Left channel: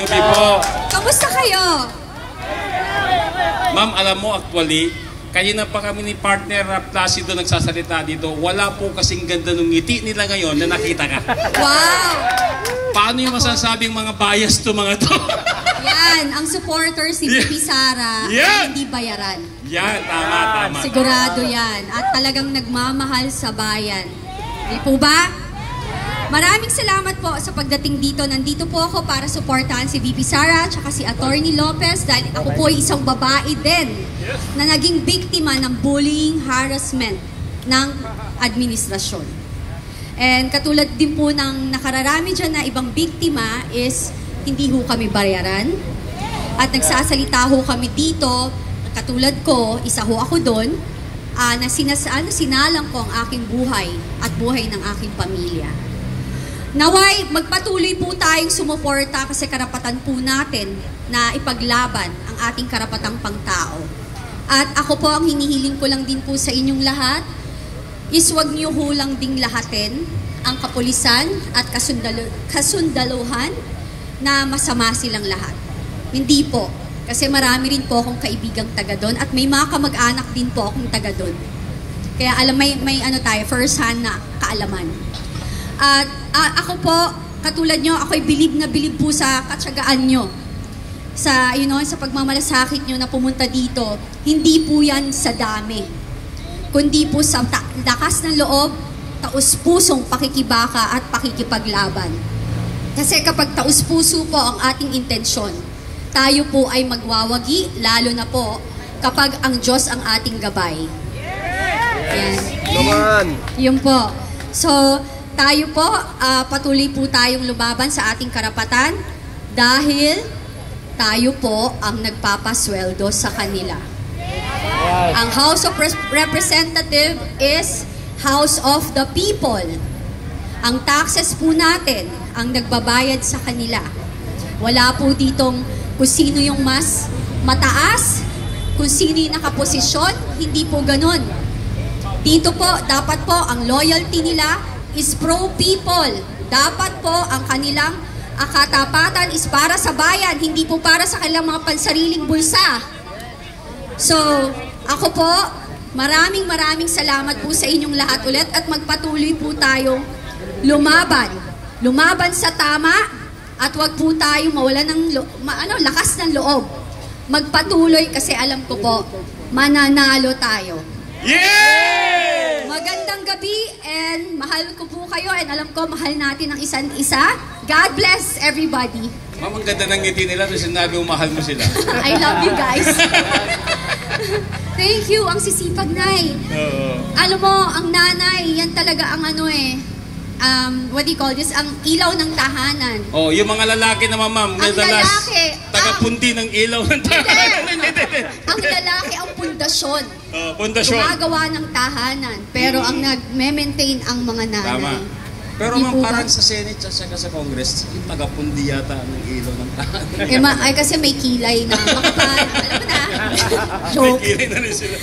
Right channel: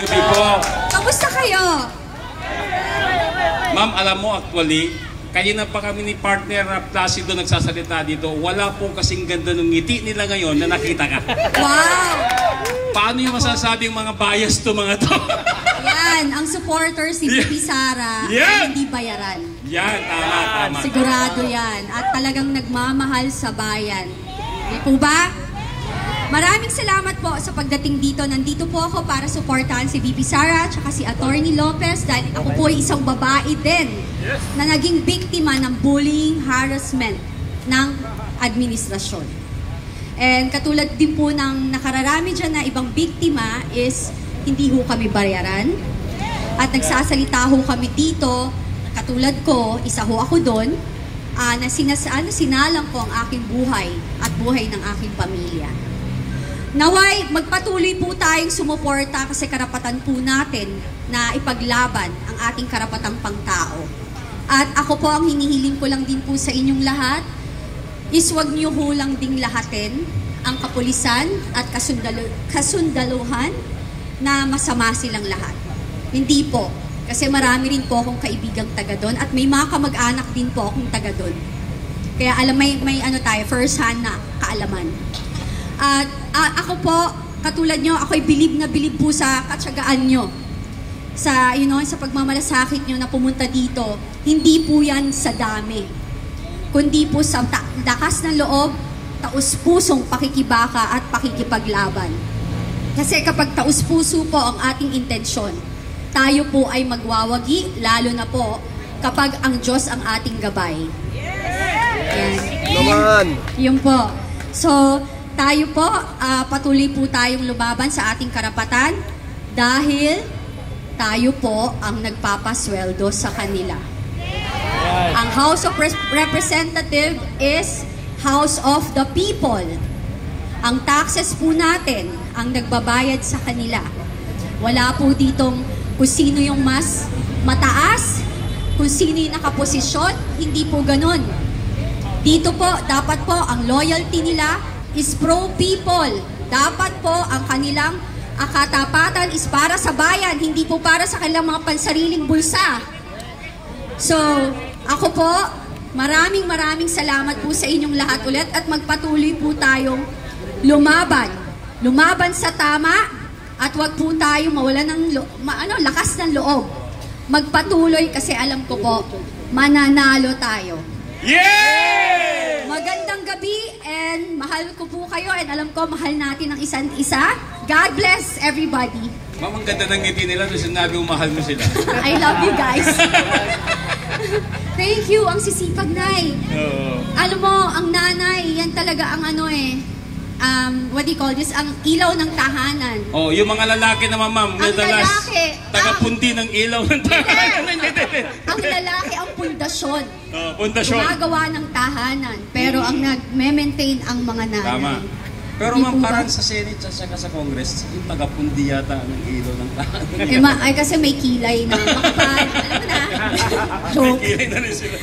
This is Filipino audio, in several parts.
Gabi po. Kamusta kayo? Ma'am, alam mo actually, kaya na pa kami ni partner Placido nagsasalita dito. Wala po kasing ganda ng ngiti nila ngayon na nakita ka. Wow! Paano yung masasabing mga bias to mga to? Yan, ang supporters ni Bibi Sara ay hindi bayaran. Yan, tama. Sigurado yan. At talagang nagmamahal sa bayan. Di po ba? Maraming salamat po sa pagdating dito. Nandito po ako para suportahan si Bibi Sara at si Atty. Lopez dahil ako po ay isang babae din na naging biktima ng bullying, harassment ng administrasyon. And katulad din po ng nakararami dyan na ibang biktima is hindi ho kami bayaran. At nagsasalita ho kami dito, katulad ko, isa ho ako doon, na sinalang ko ang aking buhay at buhay ng aking pamilya. Naway, magpatuloy po tayong sumuporta kasi karapatan po natin na ipaglaban ang ating karapatang pangtao. At ako po, ang hinihiling ko lang din po sa inyong lahat is huwag niyo hulang ding lahatin ang kapulisan at kasundaluhan na masama silang lahat. Hindi po. Kasi marami rin po akong kaibigang taga doon at may mga kamag-anak din po akong taga doon. Kaya alam, may ano tayo, first hand na kaalaman. At ako po, katulad nyo, ako'y bilib na bilib po sa katsagaan nyo. Sa, sa pagmamalasakit nyo na pumunta dito. Hindi po yan sa dami. Kundi po sa lakas ng loob, taus-pusong pakikibaka at pakikipaglaban. Kasi kapag taus-puso po ang ating intensyon, tayo po ay magwawagi, lalo na po kapag ang Diyos ang ating gabay. Yan. Yun po. So, tayo po, patuloy po tayong lumaban sa ating karapatan dahil tayo po ang nagpapasweldo sa kanila. Ang House of Representatives is House of the People. Ang taxes po natin ang nagbabayad sa kanila. Wala po ditong kung sino yung mas mataas, kung sino yung nakaposisyon, hindi po ganon. Dito po, dapat po ang loyalty nila is pro-people. Dapat po ang kanilang katapatan is para sa bayan, hindi po para sa kanilang mga pansariling bulsa. So, ako po, maraming salamat po sa inyong lahat ulit at magpatuloy po tayong lumaban. Lumaban sa tama at wag po tayong mawalan ng lakas ng loob. Magpatuloy kasi alam ko po, mananalo tayo. Yeah! Magandang gabi and mahal ko po kayo and alam ko mahal natin ang isa't isa. God bless everybody. Ma'am, ang ganda ng ngiti nila nung sinabi mo mahal mo sila. I love you guys. Thank you, ang sisipag nay. Alam mo, ang nanay, yan talaga ang what do you call this? Ang ilaw ng tahanan. Oh, yung mga lalaki naman, ma'am. Ang lalaki. Tagapundi ng ilaw ng tahanan. Ang lalaki ang pundasyon. Pundasyon. Gumagawa ng tahanan. Pero ang nag-maintain ang mga nanay. Tama. Pero ma'am, parang sa Senate at saka sa Congress, yung tagapundi yata ng ilaw ng tahanan. Ay, kasi may kilay na. Alam mo na. Joke. May kilay na rin sila.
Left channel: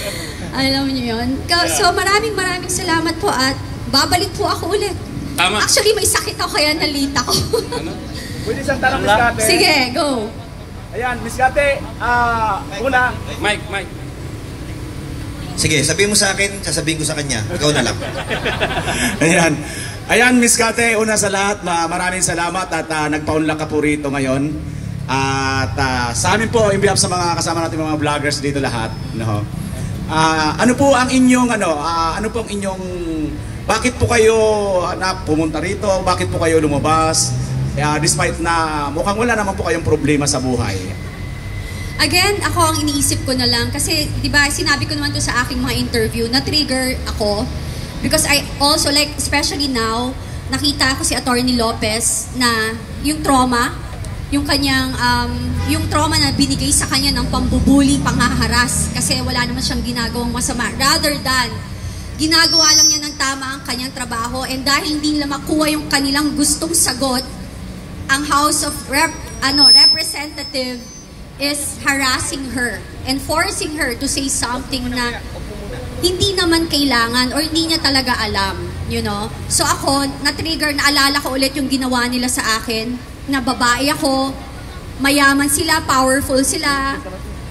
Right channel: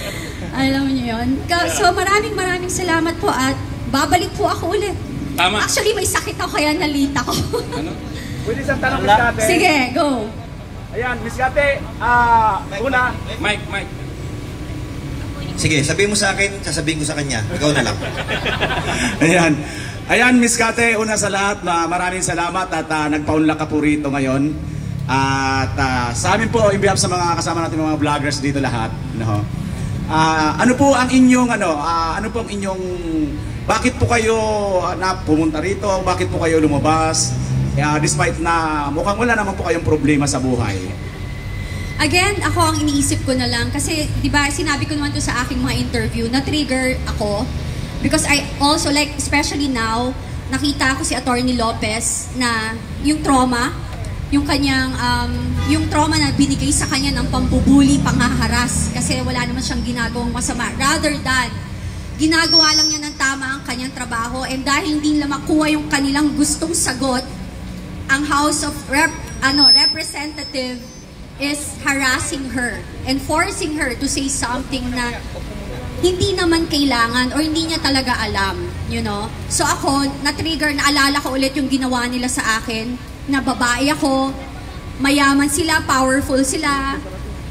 Alam niyo yun. So maraming salamat po at babalik po ako ulit. Tama. Actually, may sakit ako kaya nalita ko. Ano? Pwede isang tanong, Miss Kate. Sige, go. Ayan, Miss Kate, una. Mike. Sige, sabihin mo sa akin, sasabihin ko sa kanya. Ikaw na lang. Ayan, Miss Kate, una sa lahat, maraming salamat at nagpaunlak ka po rito ngayon. At sa amin po, in behalf sa mga kasama natin mga vloggers dito lahat, no? Ano po ang inyong bakit po kayo pumunta rito? Bakit po kayo lumabas? Despite na mukhang wala naman po kayong problema sa buhay. Again, ako ang iniisip ko na lang kasi 'di ba, sinabi ko naman to sa aking mga interview, na-trigger ako because I also like, especially now, nakita ko si Atty. Lopez na yung trauma, yung kanyang yung trauma na binigay sa kanya ng pambubuli, panghaharas kasi wala naman siyang ginagawang masama, rather than ginagawa lang niya ng tama ang kanyang trabaho, and dahil hindi nila makuha yung kanilang gustong sagot, ang House of Representative is harassing her and forcing her to say something na hindi naman kailangan or hindi niya talaga alam, So ako, na-trigger, naalala ko ulit yung ginawa nila sa akin, na babae ako, mayaman sila, powerful sila.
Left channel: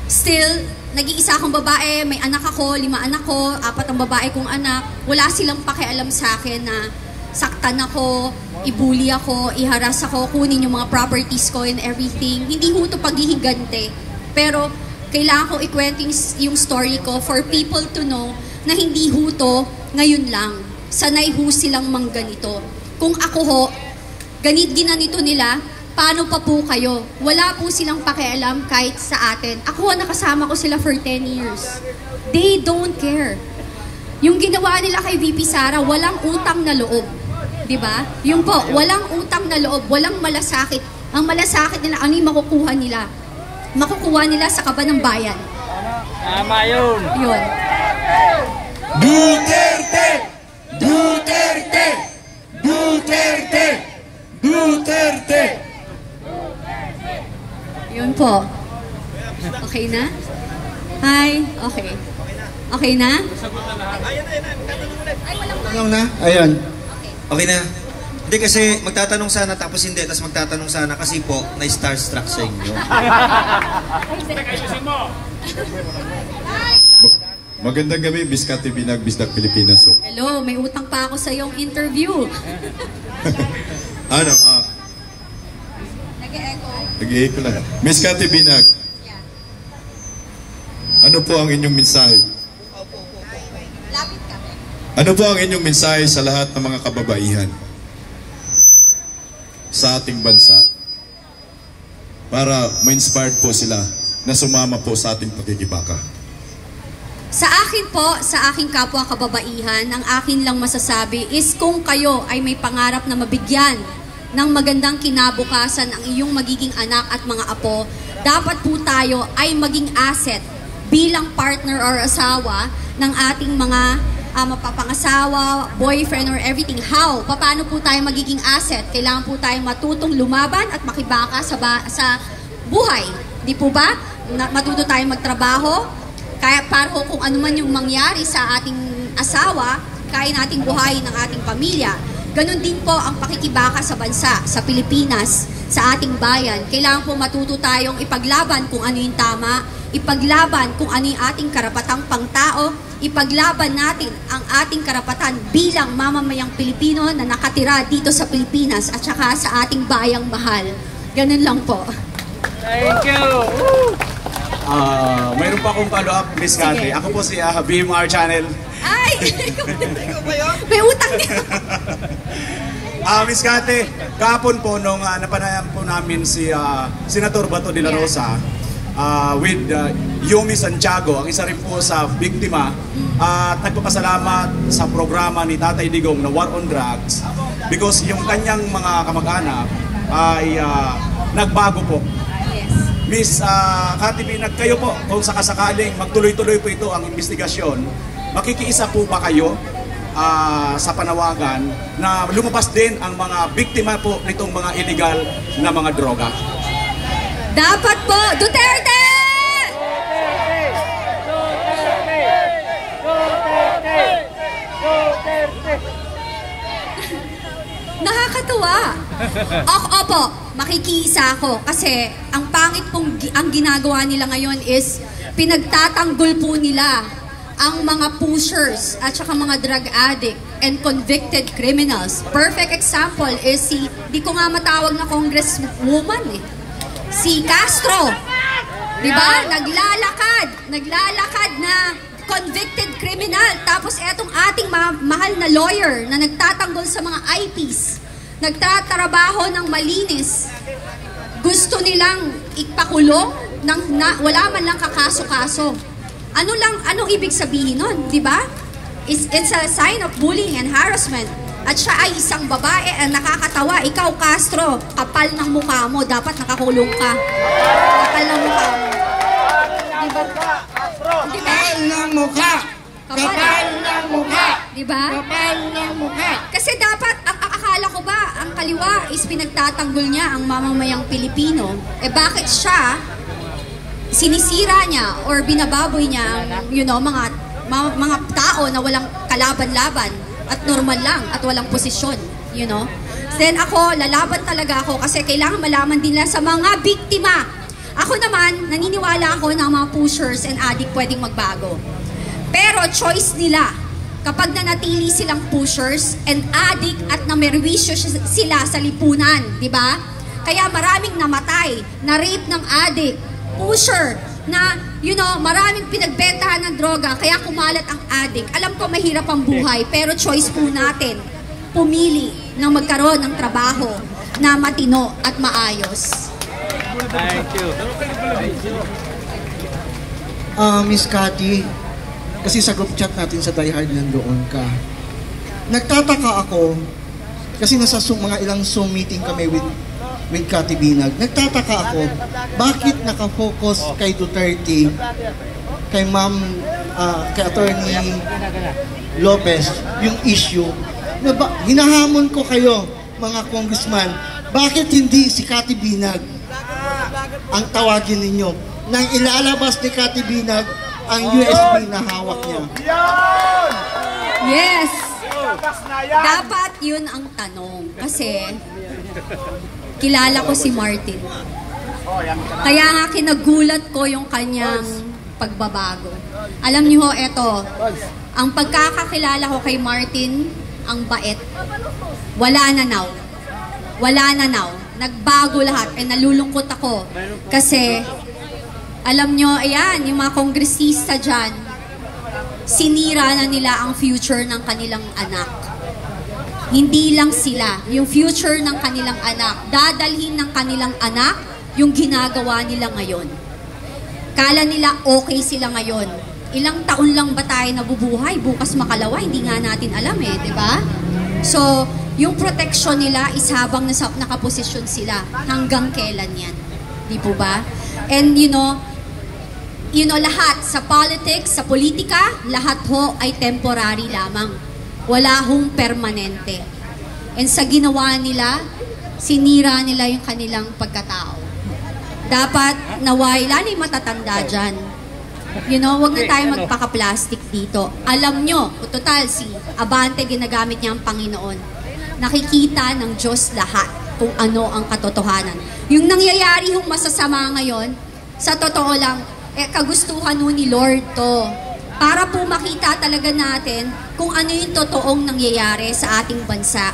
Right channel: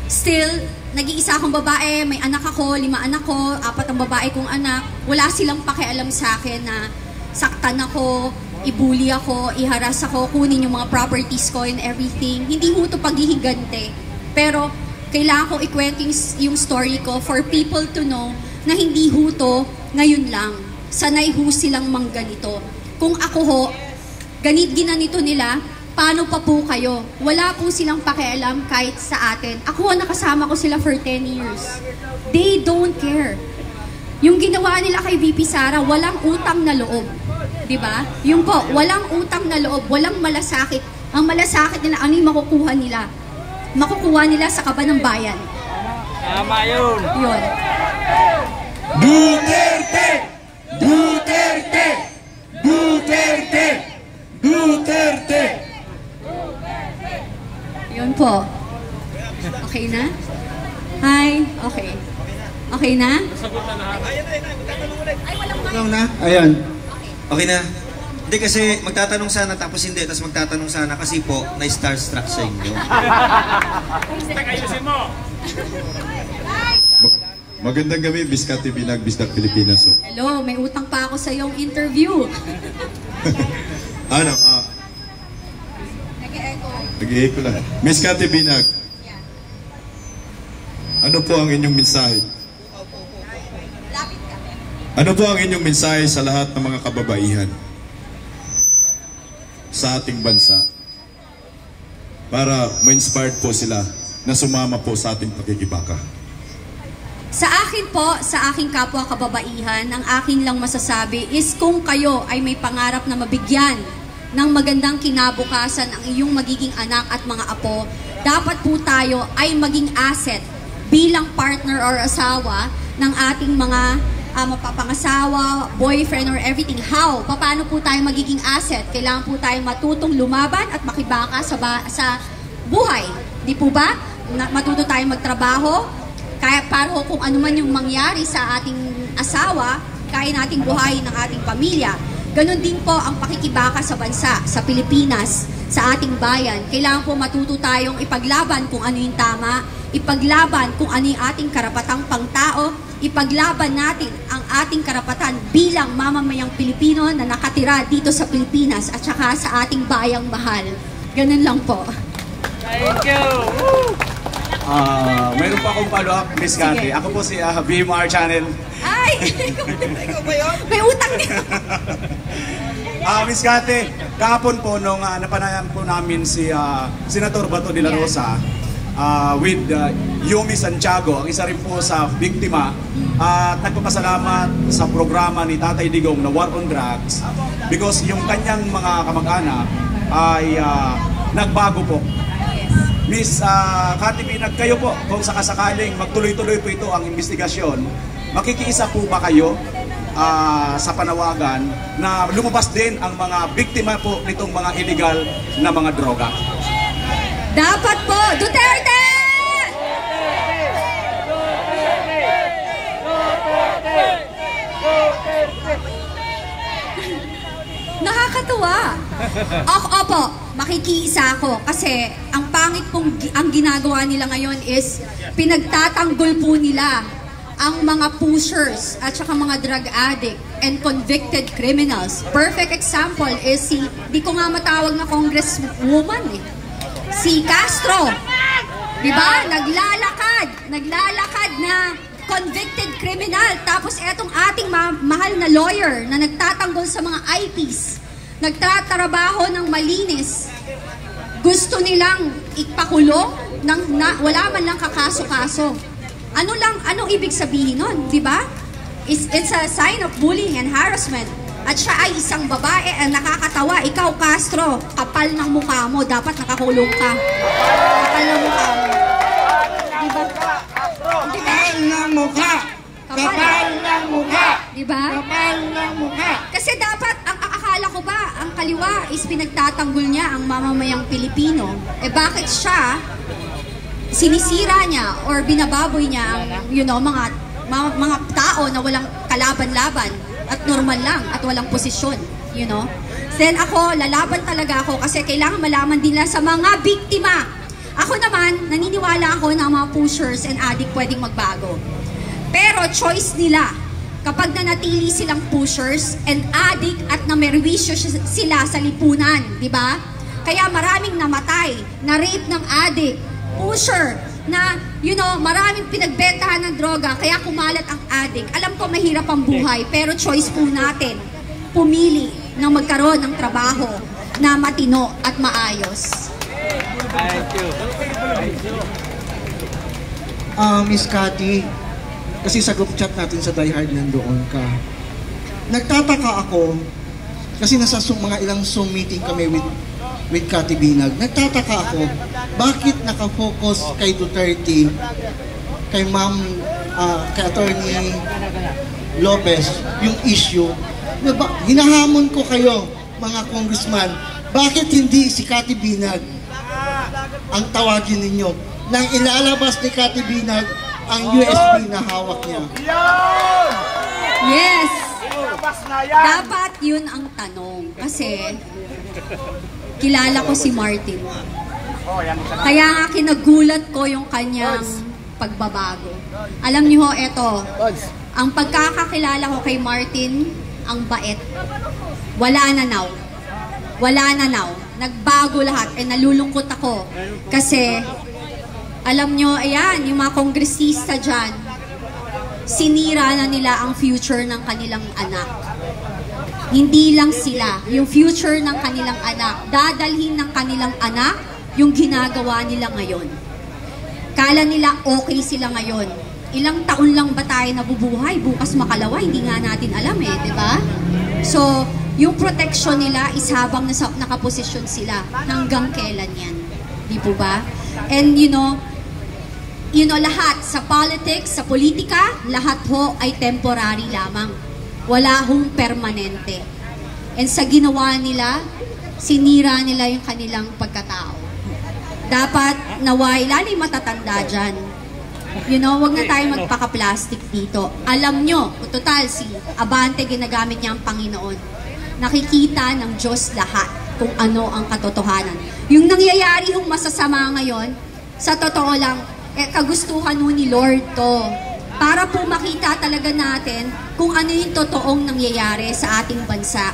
Still, nag-iisa akong babae, may anak ako, 5 anak ko, 4 ang babae kong anak. Wala silang pakialam sa akin na saktan ako, ibuli ako, iharas ako, kunin yung mga properties ko and everything. Hindi ho ito paghihigante. Pero kailangan ko ikwento yung story ko for people to know na hindi ho ito ngayon lang. Sanay ho silang mangganito. Kung ako ho, ginanito nila, paano pa po kayo? Wala po silang pakialam kahit sa atin. Ako, nakasama ko sila for 10 years. They don't care. Yung ginawa nila kay VP Sara, walang utang na loob. Diba? Yung po, walang utang na loob, walang malasakit. Ang malasakit nila, ano yung makukuha nila? Makukuha nila sa kaba ng bayan. Tama yun. Yun. Duterte! Duterte! Duterte! Duterte! Yun po. Okay na? Hi? Okay. Okay na? Tanong na? Ayan. Okay na? Hindi kasi magtatanong sana tapos hindi, tapos magtatanong sana kasi po na-starstruck sa inyo. Magandang gabi, Biscate Binag, Bisdak Pilipinas. Hello, may utang pa ako sa iyong interview. Ano? Nag-e-echo. Nag-i-echo lang. Biscate Binag, ano po ang inyong mensahe? Lapit ka. Ano po ang inyong mensahe sa lahat ng mga kababaihan sa ating bansa para ma-inspired po sila na sumama po sa ating pagkikibaka? Sa akin po, sa aking kapwa kababaihan, ang akin lang masasabi is kung kayo ay may pangarap na mabigyan ng magandang kinabukasan ang iyong magiging anak at mga apo, dapat po tayo ay maging asset bilang partner or asawa ng ating mga mapapangasawa, boyfriend or everything. How? Paano po tayo magiging asset? Kailangan po tayong matutong lumaban at makibaka sa buhay. Di po ba? Matuto tayong magtrabaho. Kaya para kung ano man yung mangyari sa ating asawa, kaya nating buhayin ng ating pamilya. Ganon din po ang pakikibaka sa bansa, sa Pilipinas, sa ating bayan. Kailangan po matuto tayong ipaglaban kung ano yung tama, ipaglaban kung ano yung ating karapatang pangtao, ipaglaban natin ang ating karapatan bilang mamamayang Pilipino na nakatira dito sa Pilipinas at saka sa ating bayang mahal. Ganon lang po. Thank you. Mayroon pa akong follow-up, Miss Cathy. Ako po si BMR Channel. Ay! May utang din. Miss Cathy, kahapon po nung napanayan po namin si Senator Bato de la Rosa with Yumi Santiago, ang isa rin po sa biktima, at nagpapasalamat sa programa ni Tatay Digong na War on Drugs because yung kanyang mga kamag-anak ay nagbago po. Miss Cathy Binag, kayo po, kung sakasakaling magtuloy-tuloy po ito ang investigasyon, makikiisa po ba kayo sa panawagan na lumabas din ang mga biktima po nitong mga illegal na mga droga? Dapat po, Duterte! Nakakatawa. Opo, makikiisa ako kasi ang pangit pong ang ginagawa nila ngayon is pinagtatanggol po nila ang mga pushers at saka mga drug addict and convicted criminals. Perfect example is di ko nga matawag na congresswoman si Castro. Diba? Naglalakad na convicted criminal. Tapos etong ating mahal na lawyer na nagtatanggol sa mga IPs, nagtatrabaho ng malinis, gusto nilang ipakulong wala man lang kakaso-kaso. Anong ibig sabihin nun, di ba? It's a sign of bullying and harassment. At siya ay isang babae ang nakakatawa. Ikaw, Castro, kapal ng mukha mo, dapat nakakulong ka. Kapal ng mukha mo. Diba? Kapal ng mukha! Kapal ng mukha! Diba? Kapal ng mukha! Kasi dapat, ang akala ko ba, ang kaliwa is pinagtatanggol niya ang mamamayang Pilipino. Eh bakit siya sinisira niya or binababoy niya ang mga tao na walang kalaban-laban at normal lang at walang posisyon. you know. Then ako, lalaban talaga ako kasi kailangan malaman din nila sa mga biktima. Ako naman, naniniwala ako na mga pushers and addict pwedeng magbago. Pero choice nila. Kapag nanatili silang pushers and addict at namerwisyo sila sa lipunan, di ba? Kaya maraming namatay, na rape ng addict, pusher, na, you know, maraming pinagbentahan ng droga, kaya kumalat ang addict. Alam ko mahirap ang buhay, pero choice po natin, pumili na magkaroon ng trabaho na matino at maayos. Thank you. Miss Cathy, kasi sa group chat natin sa Die Hard nandoon ka. Nagtataka ako, kasi nasa mga ilang Zoom meeting kami with Cathy Binag. Nagtataka ako, bakit nakafocus kay Duterte, kay Ma'am, kay Attorney Lopez, yung issue. Hinahamon ko kayo, mga congressman, bakit hindi si Cathy Binag ang tawagin ninyo? Nang ilalabas ni Cathy Binag ang USB na hawak niya. Yes! Dapat yun ang tanong. Kasi, kilala ko si Martin. Kaya nga kinagulat ko yung kanyang pagbabago. Alam niyo ho, eto, ang pagkakakilala ko kay Martin, ang bait. Wala na now. Wala na now. Nagbago lahat. Nalulungkot ako. Kasi, alam nyo, ayan, yung mga kongresista dyan, sinira na nila ang future ng kanilang anak. Hindi lang sila, yung future ng kanilang anak, dadalhin ng kanilang anak yung ginagawa nila ngayon. Kala nila okay sila ngayon. Ilang taon lang ba tayo nabubuhay? Bukas makalawa, hindi nga natin alam di ba? So, yung protection nila is habang nakaposisyon sila, hanggang kailan yan? Di po ba? And you know, lahat sa politics, sa politika, lahat ho ay temporary lamang. Wala hong permanente. And sa ginawa nila, sinira nila yung kanilang pagkatao. Dapat naway, lalo yung matatanda dyan. You know, wag na tayo magpaka-plastic dito. Alam nyo, total, si Abante ginamit niya ang Panginoon. Nakikita ng Diyos lahat kung ano ang katotohanan. Yung nangyayari yung masasama ngayon, sa totoo lang, kagustuhan nun ni Lord to. Para po makita talaga natin kung ano yung totoong nangyayari sa ating bansa.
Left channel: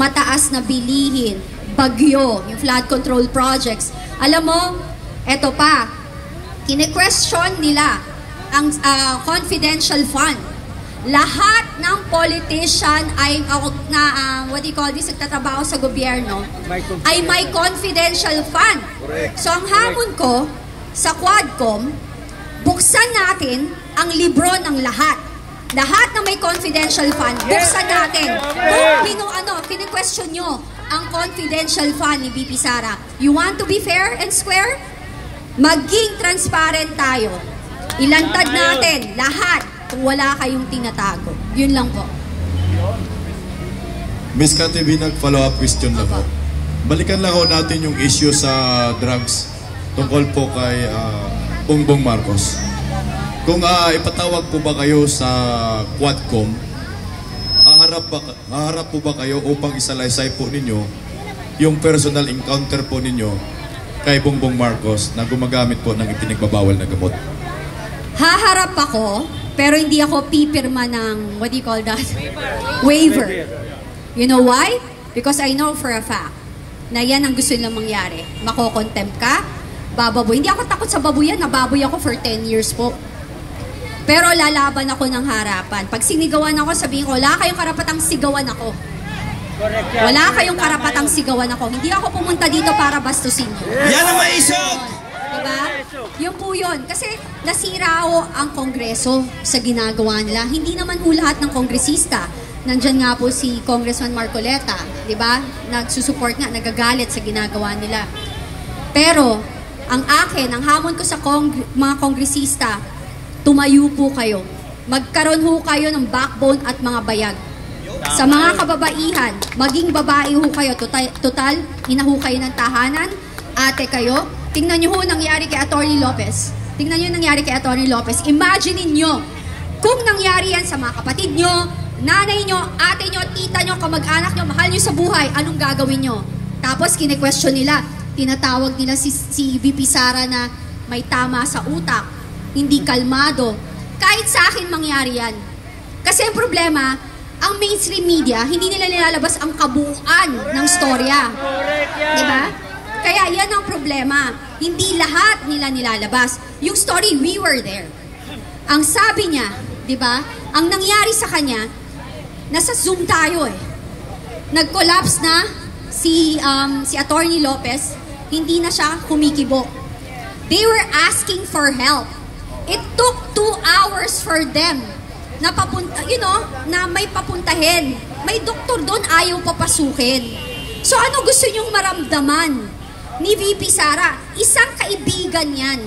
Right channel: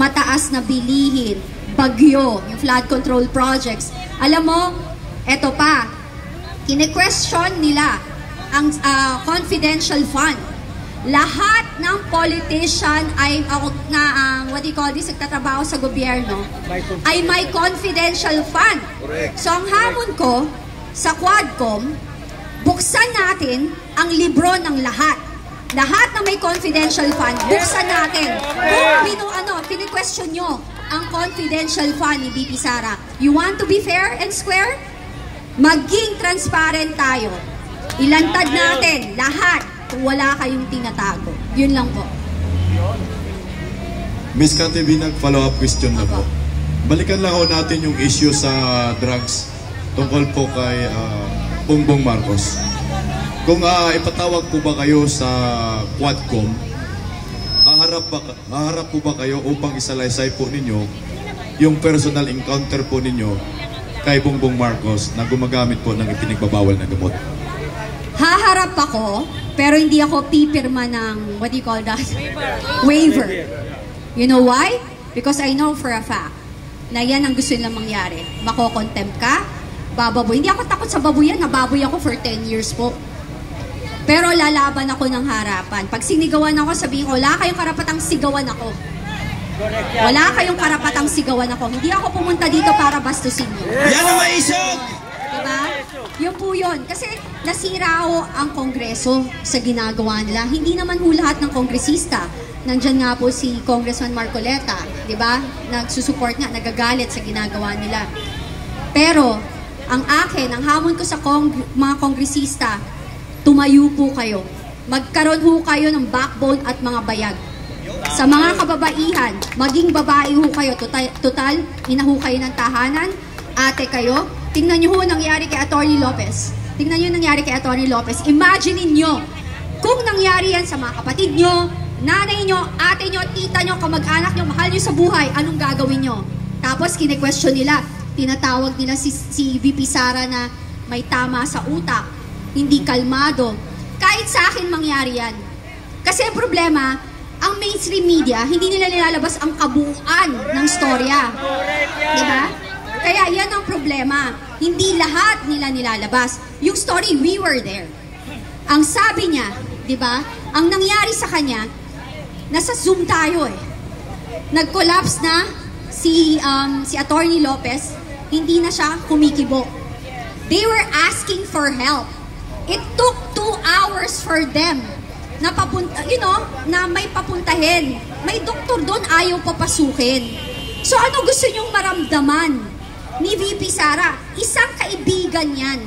Mataas na bilihin, bagyo, yung flood control projects. Alam mo, eto pa, kine-question nila ang confidential fund. Lahat ng politician ay, what do you call this, nagtatrabaho sa gobyerno, ay may confidential fund. So ang hamon ko, sa Quadcom, buksan natin ang libro ng lahat. Lahat na may confidential fund, buksan natin. Kung kini-question nyo ang confidential fund ni VP Sara. You want to be fair and square? Maging transparent tayo. Ilantad natin lahat kung wala kayong tinatago. Yun lang po. Miss Cathy Binag, follow-up question na po. Balikan lang natin yung issue sa drugs tungkol po kay Bongbong Marcos. Kung ipatawag po ba kayo sa Quadcom, haharap po ba kayo upang isalaysay po ninyo yung personal encounter po ninyo kay Bongbong Marcos na gumagamit po ng ipinagbabawal na gamot? Haharap ako, pero hindi ako pipirma ng, what do you call that? Waiver. You know why? Because I know for a fact na yan ang gusto nilang mangyari. Makokontempt ka, bababoy. Hindi ako takot sa baboyan, nababoy ako for 10 years po. Pero lalaban ako ng harapan. Pag sinigawan ako, sabihin ko, wala kayong karapatang sigawan ako. Wala kayong karapatang sigawan ako. Hindi ako pumunta dito para bastusin nyo. Yan ang maisog! Diba? Yun po yun. Kasi nasira ho ang Kongreso sa ginagawa nila. Hindi naman ho lahat ng kongresista. Nandyan nga po si Congressman Marcoleta. Diba? Nagsusupport nga, nagagalit sa ginagawa nila. Pero, ang akin, ang hamon ko sa mga kongresista, tumayo po kayo. Magkaroon ho kayo ng backbone at mga bayag. Sa mga kababaihan, maging babae ho kayo. Total, ina ho kayo ng tahanan, ate kayo. Tingnan nyo ho nangyari kay Atty. Lopez. Tingnan nyo nangyari kay Atty. Lopez. Imagine niyo kung nangyari yan sa mga kapatid nyo, nanay nyo, ate nyo, tita nyo, kamag-anak nyo, mahal nyo sa buhay, anong gagawin nyo? Tapos kine-question nila, tinatawag nila si VP Sara na may tama sa utak, hindi kalmado. Kahit sa akin mangyari yan. Kasi ang problema, ang mainstream media, hindi nila nilalabas ang kabuuan ng storya. Diba? Kaya yan ang problema. Hindi lahat nila nilalabas. Yung story, we were there. Ang sabi niya, diba? Ang nangyari sa kanya, nasa Zoom tayo eh. Nag-collapse na si Atty. Lopez, hindi na siya kumikibo. They were asking for help. It took 2 hours for them na na may papuntahin. May doktor doon, ayaw papasukin. So ano gusto nyong maramdaman ni VP Sara? Isang kaibigan yan.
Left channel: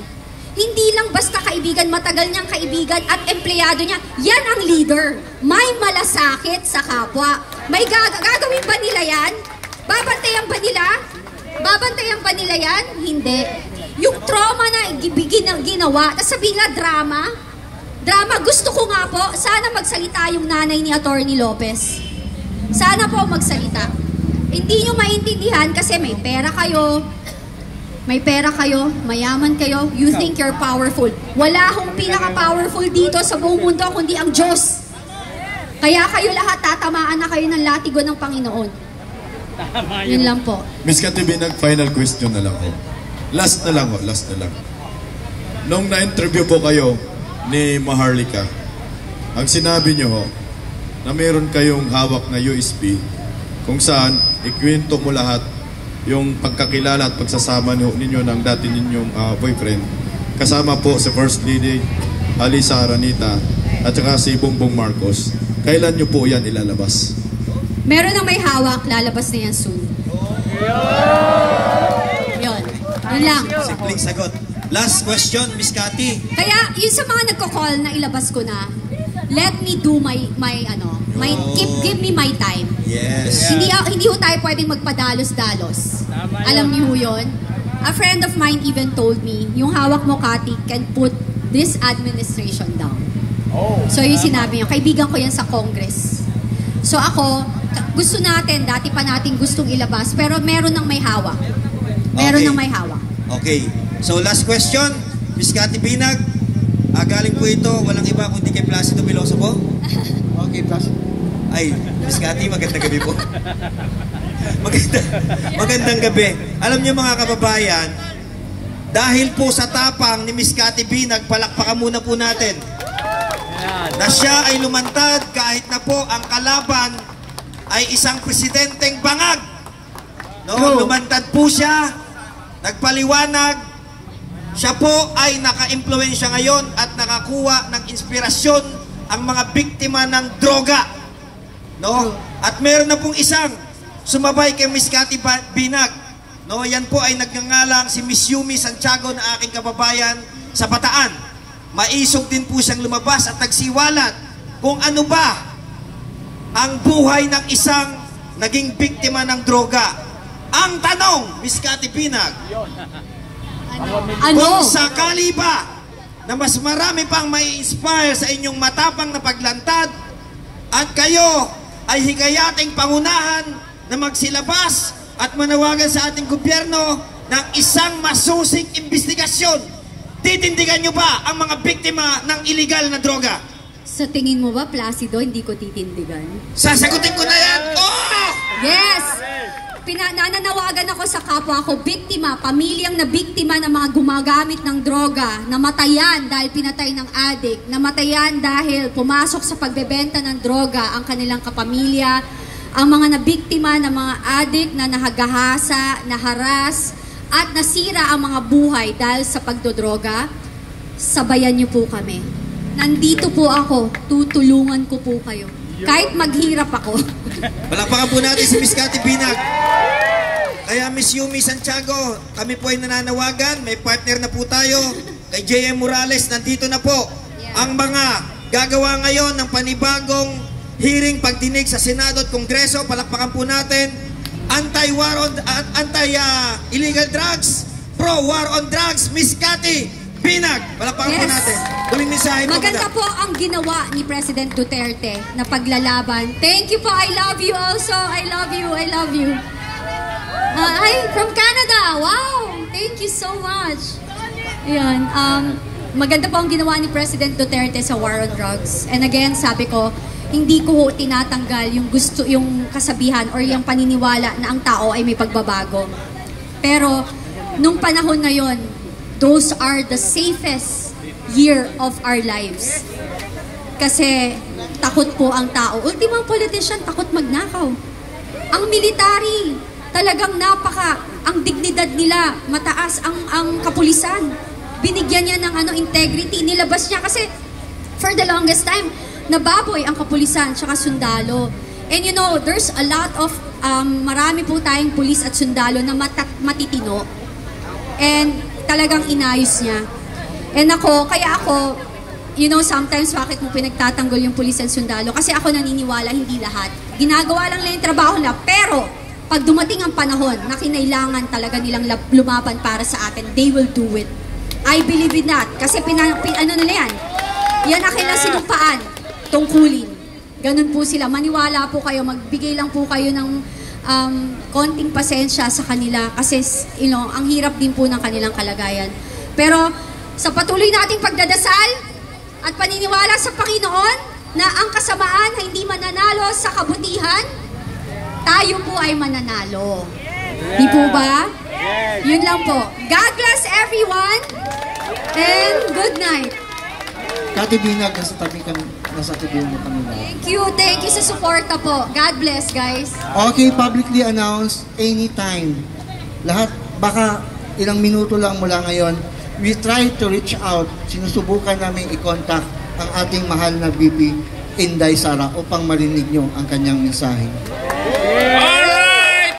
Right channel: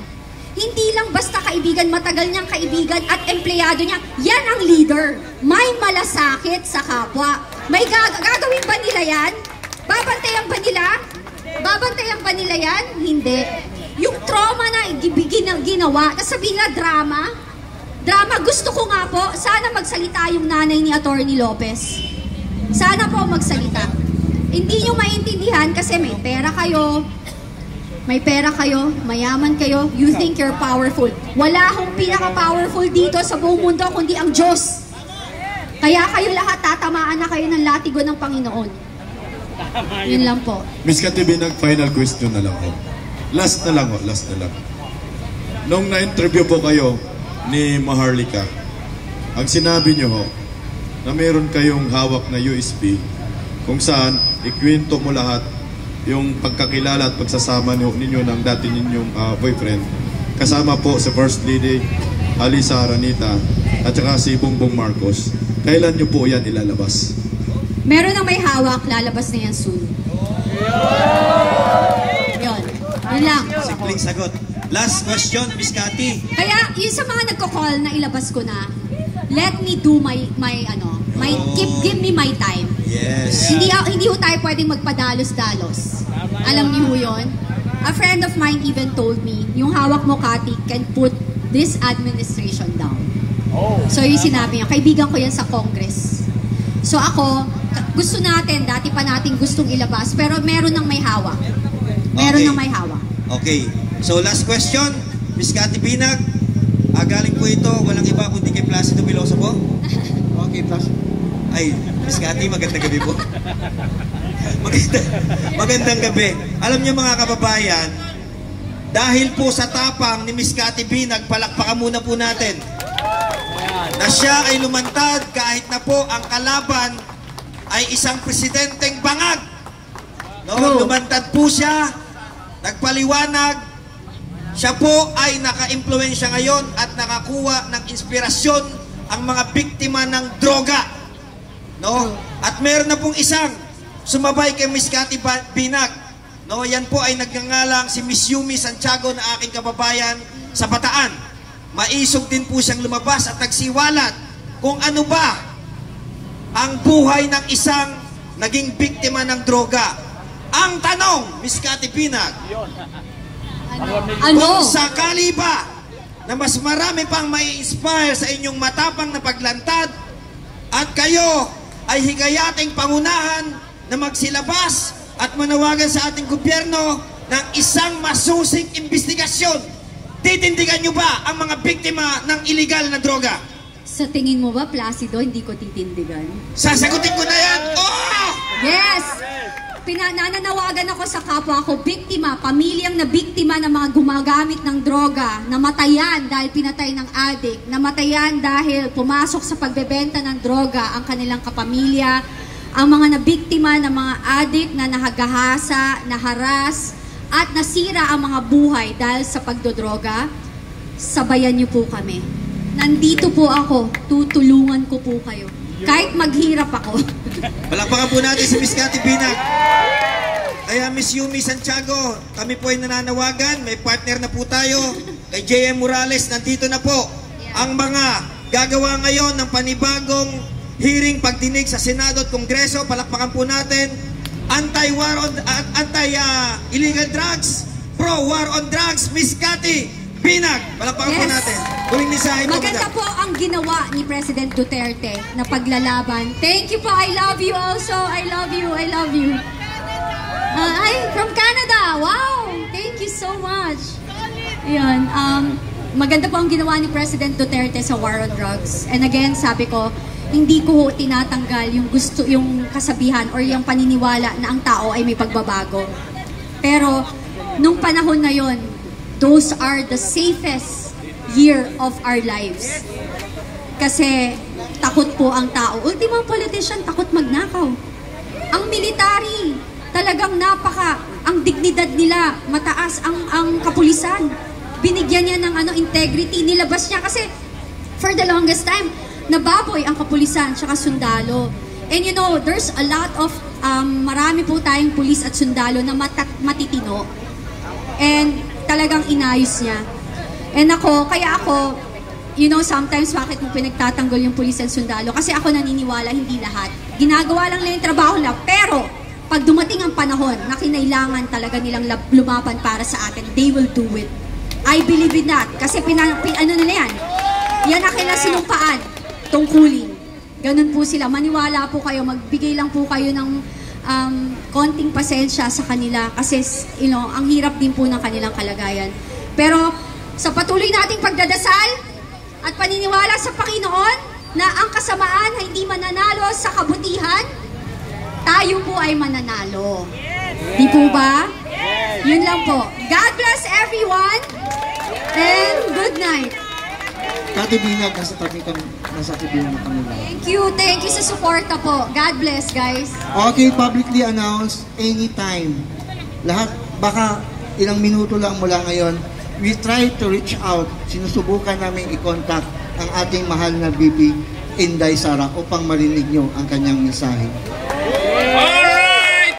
Hindi lang basta kaibigan, matagal niyang kaibigan at empleyado niya. Yan ang leader. May malasakit sa kapwa. May gagawin ba nila yan? Babantayan ba nila? Babantayan ba nila yan? Hindi. Yung trauma na ginawa, sabihin nila drama. Drama, gusto ko nga po, sana magsalita yung nanay ni Atty. Lopez. Sana po magsalita. Hindi nyo maintindihan kasi may pera kayo, mayaman kayo, you think you're powerful. Wala akong pinaka-powerful dito sa buong mundo kundi ang Diyos. Kaya kayo lahat tatamaan na kayo ng latigo ng Panginoon. Yun lang po. Miss Katibinag, final question na lang ho. Last na lang. Nung na-interview po kayo ni Maharlika, ang sinabi niyo ho, na mayroon kayong hawak na USB kung saan ikwento mo lahat yung pagkakilala at pagsasama ninyo ng dati ninyong boyfriend. Kasama po si First Lady Alisa Aranita at saka si Bongbong Marcos. Kailan nyo po yan ilalabas? Meron na may hawak, lalabas na yan soon. Yun lang. Simpleng sagot. Last question, Miss Cathy. Kaya yung sa mga nagko-call na ilabas ko na, let me do give me my time. Yes. Hindi ho tayo pwedeng magpadalos-dalos. Alam niyo ho yun? A friend of mine even told me, yung hawak mo, Cathy, can put this administration down. So yung sinabi niya, kaibigan ko yan sa Congress. So ako, gusto natin, dati pa natin gustong ilabas, pero meron ng may hawak. Meron ng may hawak. Okay. So last question, Miss Cathy Binag. Galing po ito, walang iba kundi kay Placido Piloso po. Okay, Placido. Ay, Miss Cathy, magandang gabi po. Magandang gabi. Alam niyo mga kababayan, dahil po sa tapang ni Miss Cathy Binag, palakpakan muna po natin. Na siya ay lumantad kahit na po ang kalaban ay isang presidenteng bangag. Lumantad po siya, nagpaliwanag. Siya po ay naka-impluensya ngayon at nakakuha ng inspirasyon ang mga biktima ng droga. At meron na pong isang sumabay kay Miss Cathy Binag. Yan po ay nagngangalang si Miss Yumi Santiago na aking kababayan sa Bataan. Maisog din po siyang lumabas at nagsiwalat kung ano ba ang buhay ng isang naging biktima ng droga. Ang tanong, Miss Cathy Binag, kung sakali ba na mas marami pang may inspire sa inyong matapang na paglantad at kayo ay higayating pangunahan na magsilabas at manawagan sa ating gobyerno ng isang masusing investigasyon, titindigan nyo ba ang mga biktima ng illegal na droga? Sa tingin mo ba, Placido, hindi ko titindigan? Sasagutin ko na yan! Yes! Nananawagan ako sa kapwa ko, biktima, pamilyang na biktima ng mga gumagamit ng droga, namatayan dahil pinatay ng adik, namatayan dahil pumasok sa pagbebenta ng droga ang kanilang kapamilya, ang mga nabiktima ng mga adik na nahagahasa, naharas, at nasira ang mga buhay dahil sa pagdodroga. Sabayan niyo po kami. Nandito po ako, tutulungan ko po kayo. Kahit maghirap ako. Palakpakan po natin si Miss Cathy Binag. Kaya Miss Yumi Santiago, kami po ay nananawagan. May partner na po tayo. Kay J.M. Morales, nandito na po ang mga gagawa ngayon ng panibagong hearing pagdinig sa Senado at Kongreso. Palakpakan po natin. Anti-war on, anti-illegal drugs, pro-war on drugs, Miss Cathy Binag! Palakpakan po Yes. natin. Tuwing mensahe mo Maganda po ang ginawa ni President Duterte na paglalaban. Thank you po. I love you also. I love you. I love you. Ay, from Canada. Wow! Thank you so much. Ayan. Maganda po ang ginawa ni President Duterte sa war on drugs. And again, sabi ko, hindi ko tinatanggal yung gusto, yung kasabihan or yung paniniwala na ang tao ay may pagbabago. Pero, nung panahon na yon, those are the safest year of our lives. Kasi takot po ang tao. Ultimong politician, takot magnakaw. Ang military, talagang ang dignidad nila, mataas ang kapulisan. Binigyan niya ng integrity, nilabas niya kasi for the longest time, nababoy ang kapulisan tsaka sundalo. And you know, there's a lot of, marami po tayong pulis at sundalo na matitino. And talagang inayos niya. And kaya ako, you know, sometimes bakit mo pinagtatanggol yung pulis at sundalo? Kasi ako naniniwala, hindi lahat. Ginagawa lang nila yung trabaho nila. Pero, pag dumating ang panahon na kinailangan talaga nilang lumaban para sa atin, they will do it. I believe in that. Kasi ano nila yan? Yan ang kailang sinupaan. Tungkulin. Ganun po sila. Maniwala po kayo. Magbigay lang po kayo ng konting pasensya sa kanila. Kasi, you know, ang hirap din po ng kanilang kalagayan. Pero, sa patuloy nating pagdadasal at paniniwala sa Panginoon na ang kasamaan ay hindi mananalo sa kabutihan, tayo po ay mananalo. Di po ba? Yun lang po. God bless everyone and good night. Kati Binag, nasa tabi kami, nasa tabi mo kami. Thank you sa suporta po. God bless, guys. Okay, publicly announced anytime. Lahat, baka ilang minuto lang mula ngayon, we try to reach out. Sinusubukan namin i-contact ang ating mahal na VP Inday Sara upang marinig nyo ang kanyang mensahe.